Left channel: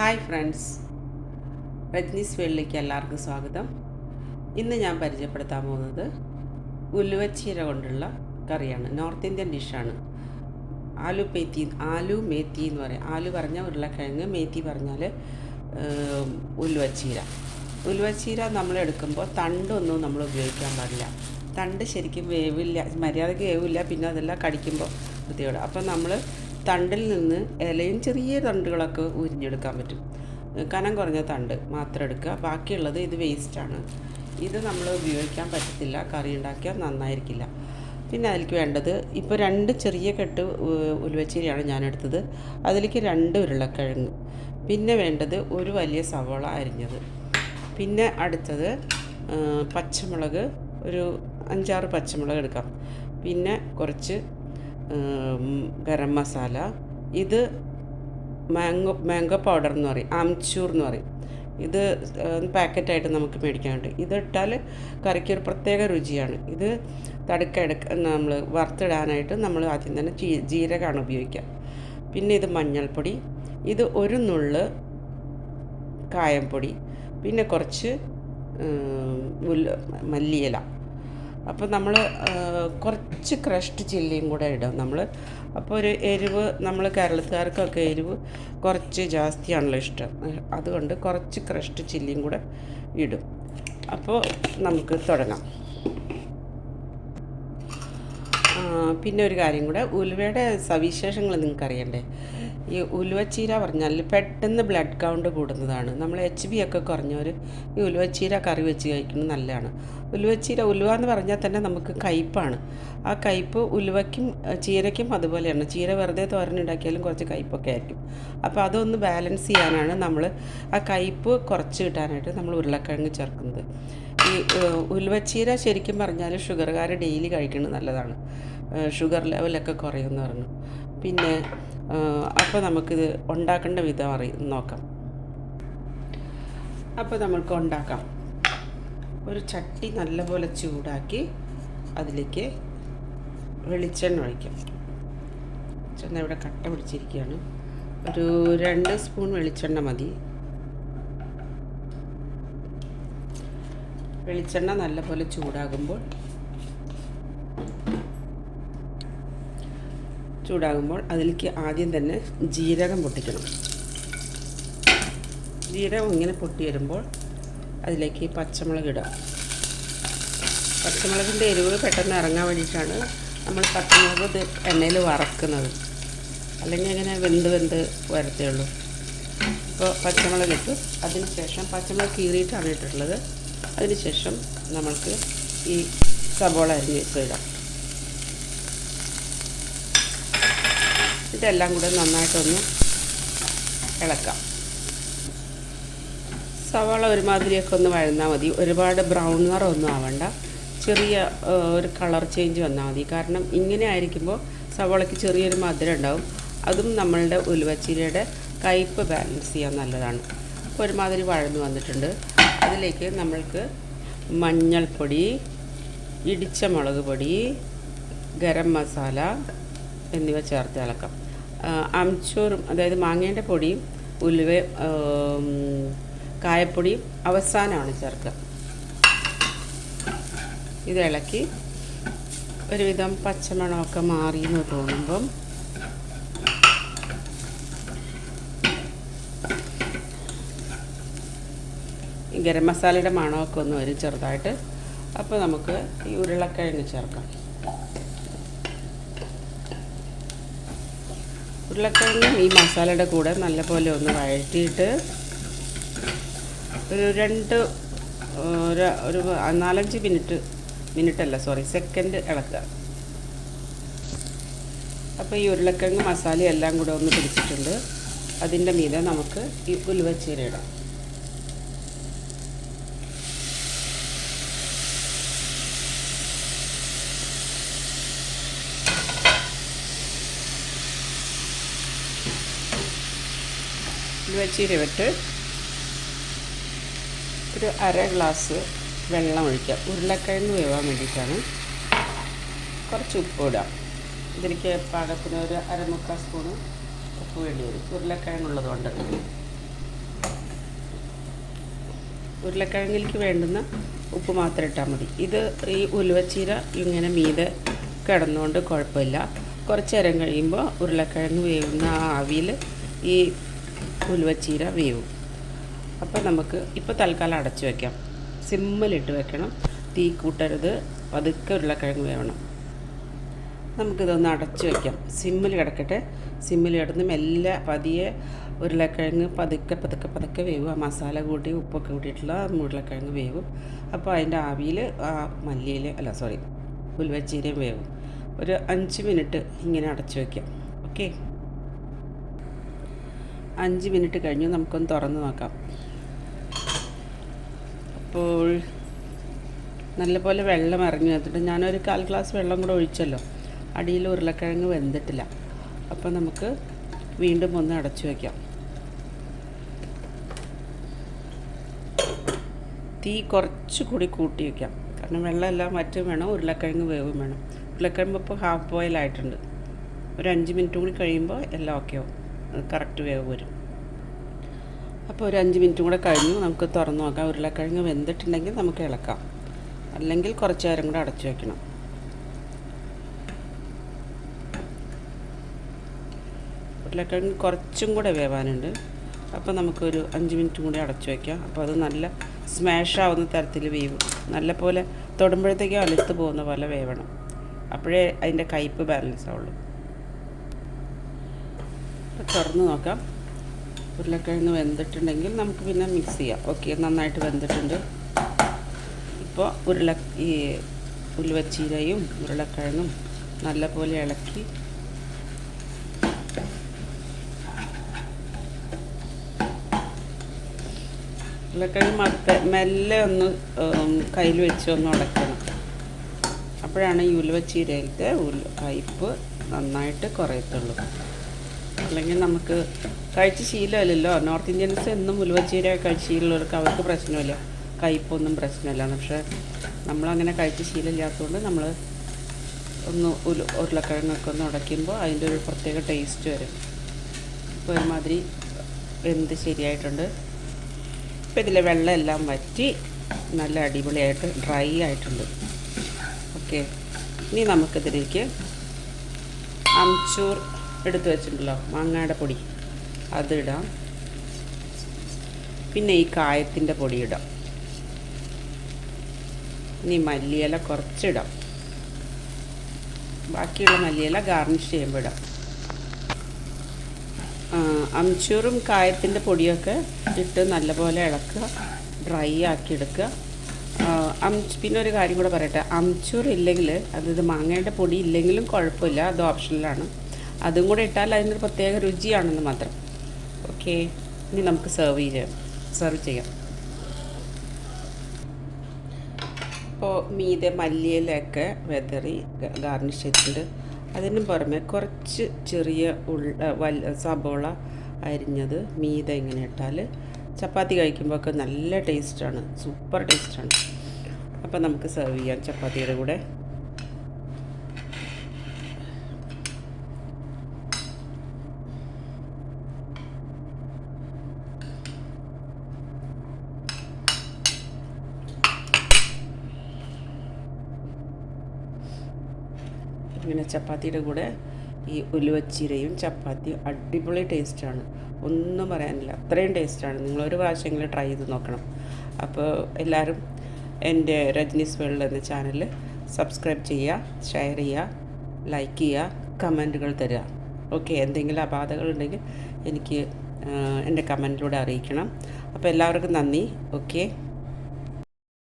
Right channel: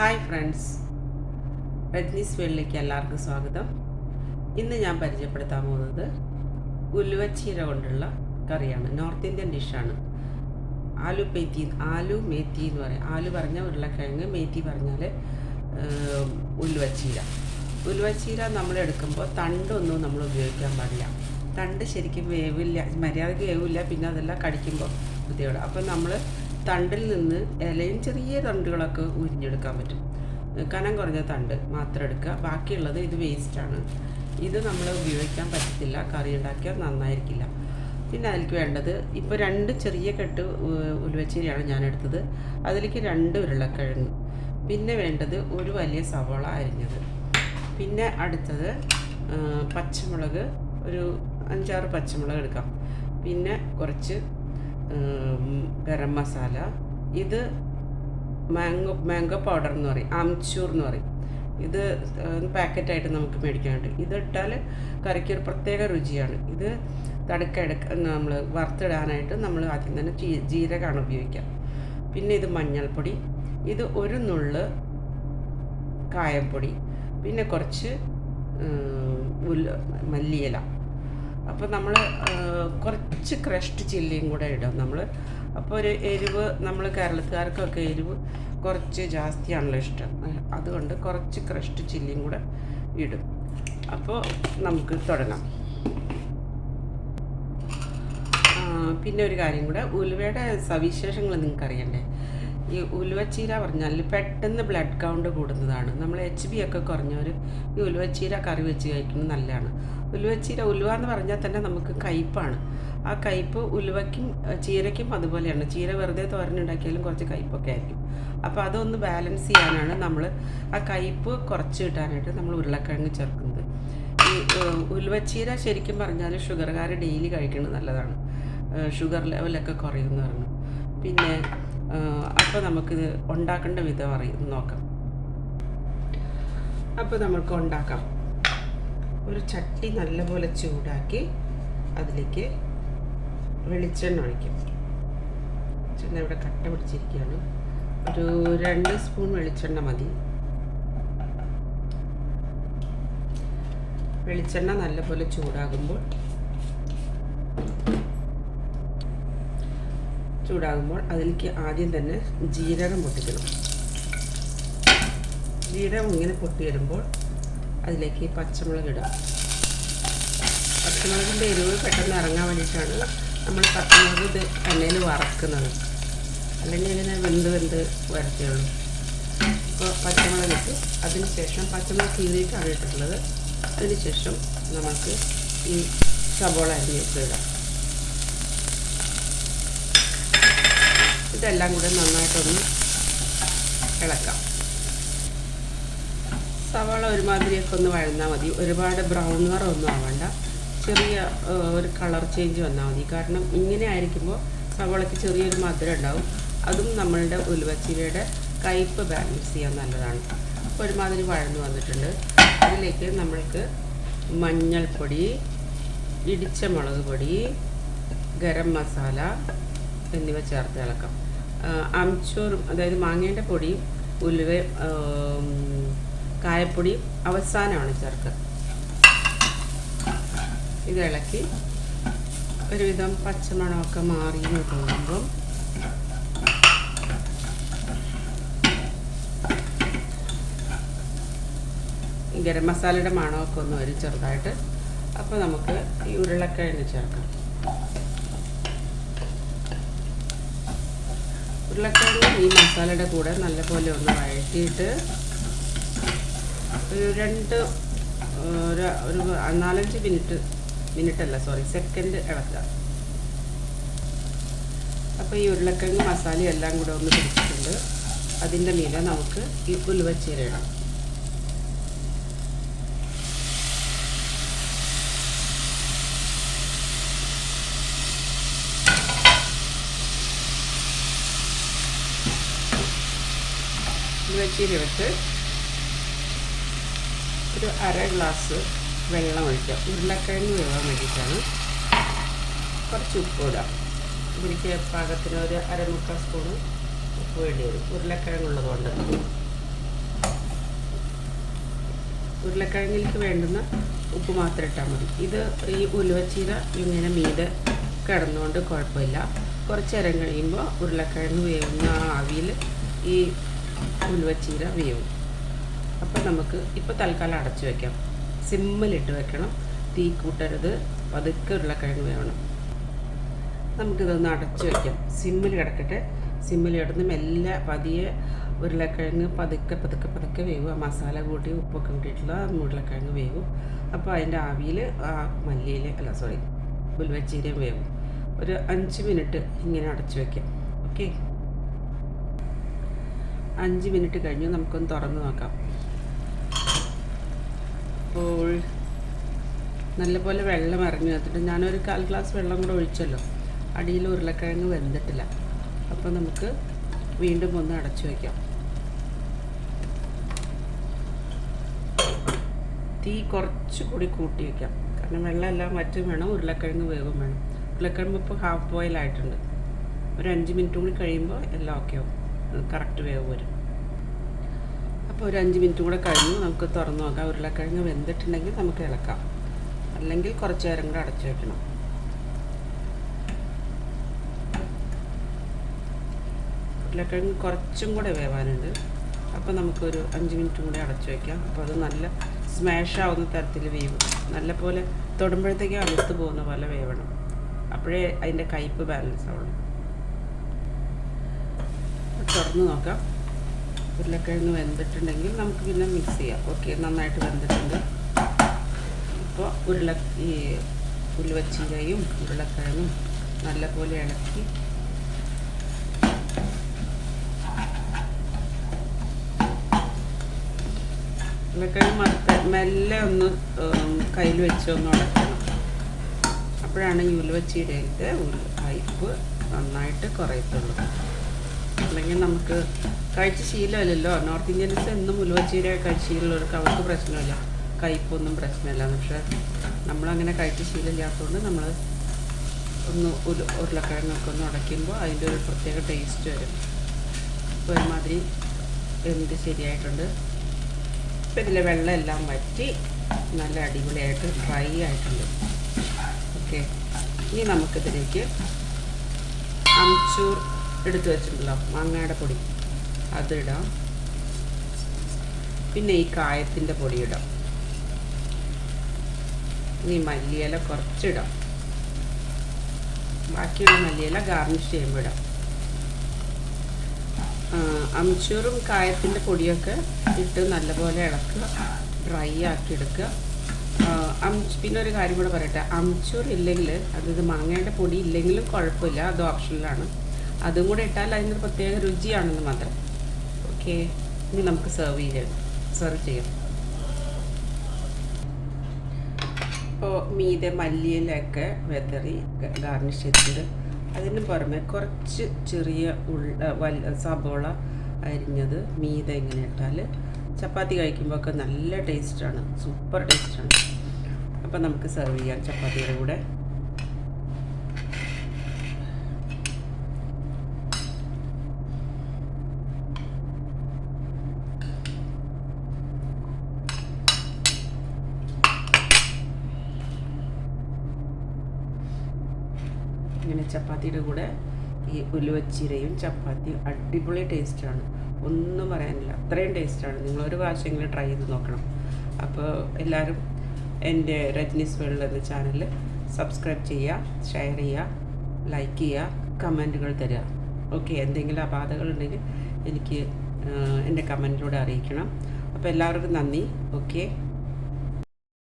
Hi friends, രജ്നീസ് വേളിലേക്ക് എല്ലാവർക്കും സ്വാഗതം. ഇന്ന് ഞാൻ പരിചയപ്പെടുത്താൻ പോകുന്നത് ഉലുവച്ചീര കൊണ്ടുള്ള കറിയാണ്. നോർത്ത് ഇന്ത്യൻ ഡിഷാണ്. ആലു മേത്തി എന്ന് പറയും. ആലു പറഞ്ഞാൽ ഉരുളക്കിഴങ്ങ്, മേത്തി പറഞ്ഞാൽ ഉലുവച്ചീര നമ്മൾ എടുക്കുമ്പോൾ തണ്ടൊന്നും നമ്മൾ ഉപയോഗിക്കാൻ പാടില്ല. തണ്ട് ശരിക്കും വേവില്ല, മര്യാദയ്ക്ക് വേവില്ല. പിന്നെ അതെല്ലാം കടിക്കുമ്പോൾ ബുദ്ധിമുട്ട്. അപ്പോൾ നമ്മൾ തണ്ടിൽ നിന്ന് ഇലയും ചെറിയ തണ്ടുകളൊക്കെ ഉരിഞ്ഞെടുക്കാൻ പറ്റും. കനം കുറഞ്ഞ തണ്ട് മാത്രം എടുക്കുക. ബാക്കിയുള്ളത് ഇത് വേസ്റ്റാണ്. ഇത് നമ്മൾ ഉപയോഗിക്കാൻ പറ്റത്തില്ല, കറി ഉണ്ടാക്കിയാൽ നന്നായിരിക്കില്ല. പിന്നെ അതിലേക്ക് വേണ്ടത് ഇപ്പോൾ 2 ചെറിയ കെട്ട് ഉലുവച്ചീരയാണ് ഞാൻ എടുത്തത്. അതിലേക്ക് 2 ഉരുളക്കിഴങ്ങ്. പിന്നെ വേണ്ടത് ഒരു വലിയ സവാള അരിഞ്ഞത്. പിന്നെ അടുത്തത് പച്ചമുളക്, ഒരു 5-6 പച്ചമുളക് എടുക്കാം. പിന്നെ കുറച്ച് ഗരം മസാല. ഇത് മാംഗോ പൗഡർ എന്ന് പറയും, ആംചൂർ എന്ന് പറയും. ഇത് പാക്കറ്റായിട്ട് നമുക്ക് മേടിക്കാൻ കിട്ടും. ഇതിട്ടാൽ കറിക്കൊരു പ്രത്യേക രുചിയാണ്. ഇത് നമ്മൾ വറുത്തിടാനായിട്ട് നമ്മൾ ആദ്യം തന്നെ ജീരകമാണ് ഉപയോഗിക്കുക. പിന്നെ ഇത് മഞ്ഞൾപ്പൊടി, ഇത് ഒരു നുള്ള് കായംപൊടി, പിന്നെ കുറച്ച് മല്ലിയില. അപ്പോൾ നമ്മൾ കുറച്ച് ക്രഷ്ഡ് ചില്ലിയും കൂടെ ഇടും നമ്മൾ. അപ്പോൾ ഒരു എരിവ്, നമ്മൾ കേരളത്തുകാർക്കൊക്കെ എരിവ് കുറച്ച് ജാസ്തിയാണല്ലോ ഇഷ്ടം. അതുകൊണ്ട് കുറച്ച് ക്രഷ്ഡ് ചില്ലിയും കൂടെ ഇടും. അപ്പോൾ നമുക്ക് തുടങ്ങാം. പിന്നെ ഒരു കാര്യം കൂടെ, ഉലുവയുടെ സവിശേഷങ്ങൾ നിങ്ങൾക്ക് അറിയണ്ടേ? ഈ ഉലുവച്ചീര പറഞ്ഞാൽ പെട്ടെന്ന് ബ്ലഡ് കൗണ്ട് കൂടുന്നതാണ്. നമ്മൾ HB ഒക്കെ കുറഞ്ഞവർ ഈ ഉലുവച്ചീര കറി വെച്ച് കഴിക്കുന്നത് നല്ലതാണ്. ഉലുവ എന്ന് പറഞ്ഞാൽ തന്നെ നമുക്ക് കയ്പ്പാണ്. ആ കയ്പ്പ് ഉലുവയ്ക്കും ചീരയ്ക്കും അതുപോലെയാണ്. ചീര വെറുതെ തോരനുണ്ടാക്കിയാലും കുറച്ച് കയ്പ്പൊക്കെ ആയിരിക്കും. അപ്പോൾ അതൊന്ന് ബാലൻസ് ചെയ്യാനാണ് നമ്മൾ ആ കയ്പ്പ് കുറച്ച് കിട്ടാനായിട്ട് നമ്മൾ ഉരുളക്കിഴങ്ങ് ചേർക്കുന്നത്. ഈ ഉലുവച്ചീര ശരിക്കും പറഞ്ഞാൽ ഷുഗറുകാർ ഡെയിലി കഴിക്കുന്നത് നല്ലതാണ്. ഷുഗർ ലെവലൊക്കെ കുറയുമെന്ന് പറഞ്ഞു. പിന്നെ അപ്പോൾ നമുക്കിത് ഉണ്ടാക്കേണ്ട വിധം നോക്കാം. അപ്പോൾ നമുക്ക് ഉണ്ടാക്കാം. ഒരു ചട്ടി നല്ലപോലെ ചൂടാക്കി അതിലേക്ക് വെളിച്ചെണ്ണ ഒഴിക്കാം. വെളിച്ചെണ്ണ ഇവിടെ കട്ട പിടിച്ചിരിക്കുകയാണ്. ഒരു 2 സ്പൂൺ വെളിച്ചെണ്ണ മതി. വെളിച്ചെണ്ണ നല്ലപോലെ ചൂടാകുമ്പോൾ അതിലേക്ക് ആദ്യം തന്നെ ജീരകം പൊട്ടിക്കണം. ജീരകം ഇങ്ങനെ പൊട്ടി വരുമ്പോൾ അതിലേക്ക് പച്ചമുളക് ഇടുക. പച്ചമുളകിൻ്റെ എരിവ് പെട്ടെന്ന് ഇറങ്ങാൻ വേണ്ടിയിട്ടാണ് നമ്മൾ പച്ചമുളക് ഇത് എണ്ണയിൽ വറക്കുന്നത്. അല്ലെങ്കിൽ ഇങ്ങനെ വെന്ത് വരത്തേ ഉള്ളൂ. അപ്പോൾ പച്ചമുളക് ഇട്ട് അതിന് ശേഷം പച്ചമുളക് കീറിയിട്ടാണ് ഇട്ടിട്ടുള്ളത്. അതിന് ശേഷം നമുക്ക് ഈ സവോള അരിഞ്ഞിട്ട് ഇടാം. ഇതെല്ലാം കൂടെ നന്നായിട്ടൊന്ന് ഇളക്കാം. സവാള ഒരുമാതിരിയൊക്കെ ഒന്ന് വഴന്നാൽ മതി. ഒരുപാട് ബ്രൗൺ നിറമൊന്നും ആവണ്ട. ചെറിയ ഒരു കളർ ചേഞ്ച് വന്നാൽ മതി. കാരണം ഇങ്ങനെ ആയിരിക്കുമ്പോൾ സവാളയ്ക്ക് ചെറിയൊരു മധുരം ഉണ്ടാവും. അതും നമ്മളുടെ ഉലുവച്ചീരയുടെ കയ്പ്പ് ബാലൻസ് ചെയ്യാൻ നല്ലതാണ്. അപ്പോൾ ഒരുമാതിരി വഴന്നു വന്നിട്ടുണ്ട്. അതിലേക്ക് നമ്മൾക്ക് മഞ്ഞൾപ്പൊടി, ഇടിച്ച മുളക് പൊടി, ഗരം മസാല എന്നിവ ചേർത്ത് ഇളക്കാം. അംചൂറും, അതായത് മാങ്ങേൻ്റെ പൊടിയും കായപ്പൊടിയും അവസാനമാണ് ചേർക്കുക. ഇത് ഇളക്കി ഒരുവിധം പച്ചമണമൊക്കെ മാറി എന്ന് തോന്നുമ്പം ഈ ഗരം മസാലയുടെ മണമൊക്കെ ഒന്ന് വരും ചെറുതായിട്ട്. അപ്പോൾ നമുക്ക് ഈ ഉരുളക്കിഴങ്ങ് ചേർക്കാം. ഉരുളക്കിഴങ്ങും ഈ മസാലയുടെ കൂടെ നല്ലപോലെ ഒന്ന് വഴറ്റിയിട്ട് ഒരു 4-5 സെക്കൻഡ് ഇളക്കുക. അപ്പോൾ ഈ ഉരുളക്കിഴങ്ങ് മസാല എല്ലാം കൂടെ ഒന്ന് പിടിച്ചിട്ടുണ്ട്. അതിൻ്റെ മീതെ നമുക്ക് ഈ ഉലുവച്ചീര ഇടാം. ഉലുവച്ചീര വിട്ട് ഒരു 1/2 ഗ്ലാസ് വെള്ളം ഒഴിക്കാം. ഉരുളക്കിഴങ്ങ് വേവാൻ വേണ്ടിയിട്ടാണ്. കുറച്ച് ഉപ്പ് ഇടാം. ഇതിലേക്ക് പാകത്തിന് ഒരു 1/2 സ്പൂണ് ഉപ്പ് വേണ്ടി വരും, ഉരുളക്കിഴങ്ങുള്ളത് കൊണ്ട്. ഉരുളക്കിഴങ്ങിലേക്ക് വേണ്ടുന്ന ഉപ്പ് മാത്രം ഇട്ടാൽ മതി. ഇത് ഈ ഉലുവച്ചീര ഇങ്ങനെ മീതെ കിടന്നുകൊണ്ട് കുഴപ്പമില്ല. കുറച്ച് നേരം കഴിയുമ്പോൾ ഉരുളക്കിഴങ്ങ് വേവുന്ന ആ ആവിയിൽ ഈ ഉലുവച്ചീര വേവും. അപ്പോൾ നമുക്ക് ഇപ്പോൾ തൽക്കാലം അടച്ചു വയ്ക്കാം. സിമ്മിലിട്ട് വെക്കണം, തീ കൂട്ടരുത്, പതുക്കെ ഉരുളക്കിഴങ്ങ് വേവണം. നമുക്കിതൊന്ന് അടച്ചു വയ്ക്കാം. സിമ്മിൽ കിടക്കട്ടെ. സിമ്മിൽ കിടന്ന് മെല്ലെ പതിയെ ഉരുളക്കിഴങ്ങ് പതുക്കെ പതുക്കെ പതുക്കെ വേവും. ആ മസാല കൂട്ടി ഉപ്പൊക്കെ കൂട്ടിയിട്ടുള്ള ഉരുളക്കിഴങ്ങ് വേവും. അപ്പോൾ അതിൻ്റെ ആവിയിൽ ആ ഉലുവച്ചീരയും വേവും. ഒരു 5 മിനിറ്റ് ഇങ്ങനെ അടച്ചു വയ്ക്കാം. ഓക്കെ, 5 മിനിറ്റ് കഴിഞ്ഞ് നമുക്കൊന്ന് തുറന്ന് നോക്കാം. അപ്പോൾ നല്ലപോലെ വെള്ളം ഇറങ്ങി വന്നിട്ട് ഞാനൊരു 1/4 ഗ്ലാസ് വെള്ളം കൂടെ ഒഴിച്ചല്ലോ. അടിയിൽ ഉരുളക്കിഴങ്ങ് വെന്തിട്ടില്ല. അപ്പോൾ നമുക്ക് വീണ്ടും ഒന്ന് അടച്ചു വയ്ക്കാം. തീ കുറച്ചുകൂടി കൂട്ടി വയ്ക്കാം, കാരണം വെള്ളമെല്ലാം വറ്റും വേണം, ഉരുളക്കിഴങ്ങ് വേവും വേണം. ഉരുളക്കിഴങ്ങ് ഇപ്പോൾ ഹാഫ് ബോയിൽ ആയിട്ടുണ്ട്. ഒരു 5 മിനിറ്റ് കൂടി കഴിയുമ്പോൾ എല്ലാം ഓക്കെ ആവും, കറക്റ്റ് വേവ് വരും. അപ്പോൾ ഒരു 5 മിനിറ്റ് കൂടെ കഴിഞ്ഞു, നമുക്ക് തുറന്ന് നോക്കാം. ഉരുളക്കിഴങ്ങ് വെന്തിട്ടുണ്ടെങ്കിൽ നമുക്ക് ഇളക്കാം, അല്ലെങ്കിൽ കുറച്ച് നേരം കൂടെ അടച്ചു വയ്ക്കണം. ഉരുളക്കിഴങ്ങ് കുറച്ചും കൂടെ വേവാനുണ്ട്. അപ്പോൾ നമുക്കൊരു 5 മിനിറ്റ് കൂടി അടച്ചു വയ്ക്കാം. അപ്പോൾ അത് നല്ല സ്മാഷ് ആവുന്ന തരത്തിൽ വേവും. നല്ല പോലെ തൊടുമ്പോഴത്തേക്കും അലുത്ത് പോകുന്ന പോലെ വേവണം. അപ്പോഴേ അതിൻ്റെ കയ്പ്പ് ബാലൻസ് ആവുള്ളൂ. തുറന്ന് നോക്കാം. ഉരുളക്കിഴങ്ങ് വെന്തിട്ടുണ്ടെങ്കിൽ നമുക്ക് പിന്നെ മിക്സ് ചെയ്യാം. ഓക്കെ, നന്നായിട്ട് വെന്തിട്ടുണ്ട്. ഇപ്പോൾ ഉലുവച്ചീരയും ഉരുളക്കിഴങ്ങും നല്ലപോലെ ഇളക്കി ഉരുളക്കിഴങ്ങ് മെല്ലെ ഒന്ന് കയ്യിൽ വെച്ച് ഒന്ന് ഉടക്കണം. അപ്പോഴാണ് ഈ ഉലുവച്ചീരയിലത്തെ കയ്പ്പ് നന്നായിട്ട് കുറയത്തുള്ളൂ. അല്ലെങ്കിൽ നമുക്ക് കഴിച്ച് ശീലമില്ലല്ലോ. നോർത്ത് ഇന്ത്യൻസ് എന്നും ഉലുവച്ചീര കഴിച്ച് ശീലമുള്ളവർക്ക് അവർക്ക് പ്രശ്നമില്ല, കയ്പ്പൊന്നും പ്രശ്നമില്ല. പക്ഷേ നമ്മളങ്ങനെ കഴിച്ച് ശീലമില്ലാത്തതുകൊണ്ട് നമ്മൾ ഒന്ന് ഉരുളക്കിഴങ്ങൊക്കെ ഒന്ന് ഉടയ്ക്കുമ്പോൾ അതിൻ്റെ ഒരു പ്രത്യേക ടേസ്റ്റ് വരും. ഇപ്പോൾ ഒരുമാതിരി വെന്ത് ശരിയായിട്ടുണ്ട്. ഇപ്പോൾ ഇതിലെ വെള്ളം എല്ലാം വറ്റി നല്ല അടിപൊളിയായിട്ട് ഡ്രൈ ആയിട്ടുണ്ട്. ഓക്കെ, ഇനി നമുക്കിതിലേക്ക് അംചൂർ എടുത്ത് വെച്ചിട്ടുണ്ടല്ലോ, മാങ്ങയുടെ പൊടി, അതിടാം. പിന്നെ ഈ കായത്തിൻ്റെ പൊടി ഇടാം. ഇനി മല്ലിയില കുറച്ചിടാം. ബാക്കിയുള്ള മല്ലിയില ഗാർണിഷ് ചെയ്യുമ്പോൾ ഇടാം. അംചൂറും കായത്തിൻ്റെ പൊടിയൊക്കെ ഇട്ട് നല്ലപോലെ ഇളക്കുക, ഡ്രൈ ആക്കി എടുക്കുക. പിന്നെ ഒരു കാര്യം കൂടെ പറയട്ടെ, അംചൂർ ഇല്ലെങ്കിൽ, അതായത് മാങ്ങയുടെ പൊടി ഇല്ലെങ്കിലും കുഴപ്പമില്ല, അത് ഓപ്ഷനിലാണ്. അതും കൂടെ ഇട്ടാൽ അതിനൊരു പ്രത്യേക രുചിയാണെന്ന് മാത്രം. ഓക്കെ, ഇനി നമുക്ക് സെർവ് ചെയ്യാം. ഇപ്പോൾ മീതെ മല്ലിയിലൊക്കെ വെതറി ഗാർണിഷ് ചെയ്തിട്ടുണ്ട്. അതിന് പുറമെ കുറച്ച് ചെറിയ സബോള അരിഞ്ഞത് മീതെ ഇങ്ങനെ ഇട്ടാൽ ചപ്പാത്തി കഴിക്കുമ്പോൾ ഒക്കെ നല്ല ടേസ്റ്റാണ്, സൂപ്പർ ടേസ്റ്റാണ്. അപ്പോൾ നമുക്ക് സെർവ് ചെയ്യാം ചപ്പാത്തിയുടെ കൂടെ. ഇങ്ങനെ ചപ്പാത്തിയുടെ കൂടെ ഈ ഉലുവച്ചീരയും ചപ്പാത്തിയും അടിപൊളി ടേസ്റ്റാണ്, ഒന്നും പറയാനില്ല, അത്രയും ടേസ്റ്റാണ്. നിങ്ങളൊരു പ്രാവശ്യമെങ്കിലും ട്രൈ ചെയ്ത് നോക്കണം. അപ്പോൾ എല്ലാവരും എൻ്റെ രജനീസ് വേൾഡ് എന്ന ചാനൽ സബ്സ്ക്രൈബ് ചെയ്യുക, ഷെയർ ചെയ്യുക, ലൈക്ക് ചെയ്യുക, കമൻറ്റുകൾ തരിക. ഓക്കെ, എന്തെങ്കിലും അപാധകളുണ്ടെങ്കിൽ എനിക്ക് എൻ്റെ കമൻറ്റിലൂടെ അറിയിക്കണം. അപ്പോൾ എല്ലാവർക്കും നന്ദി. ഓക്കെ.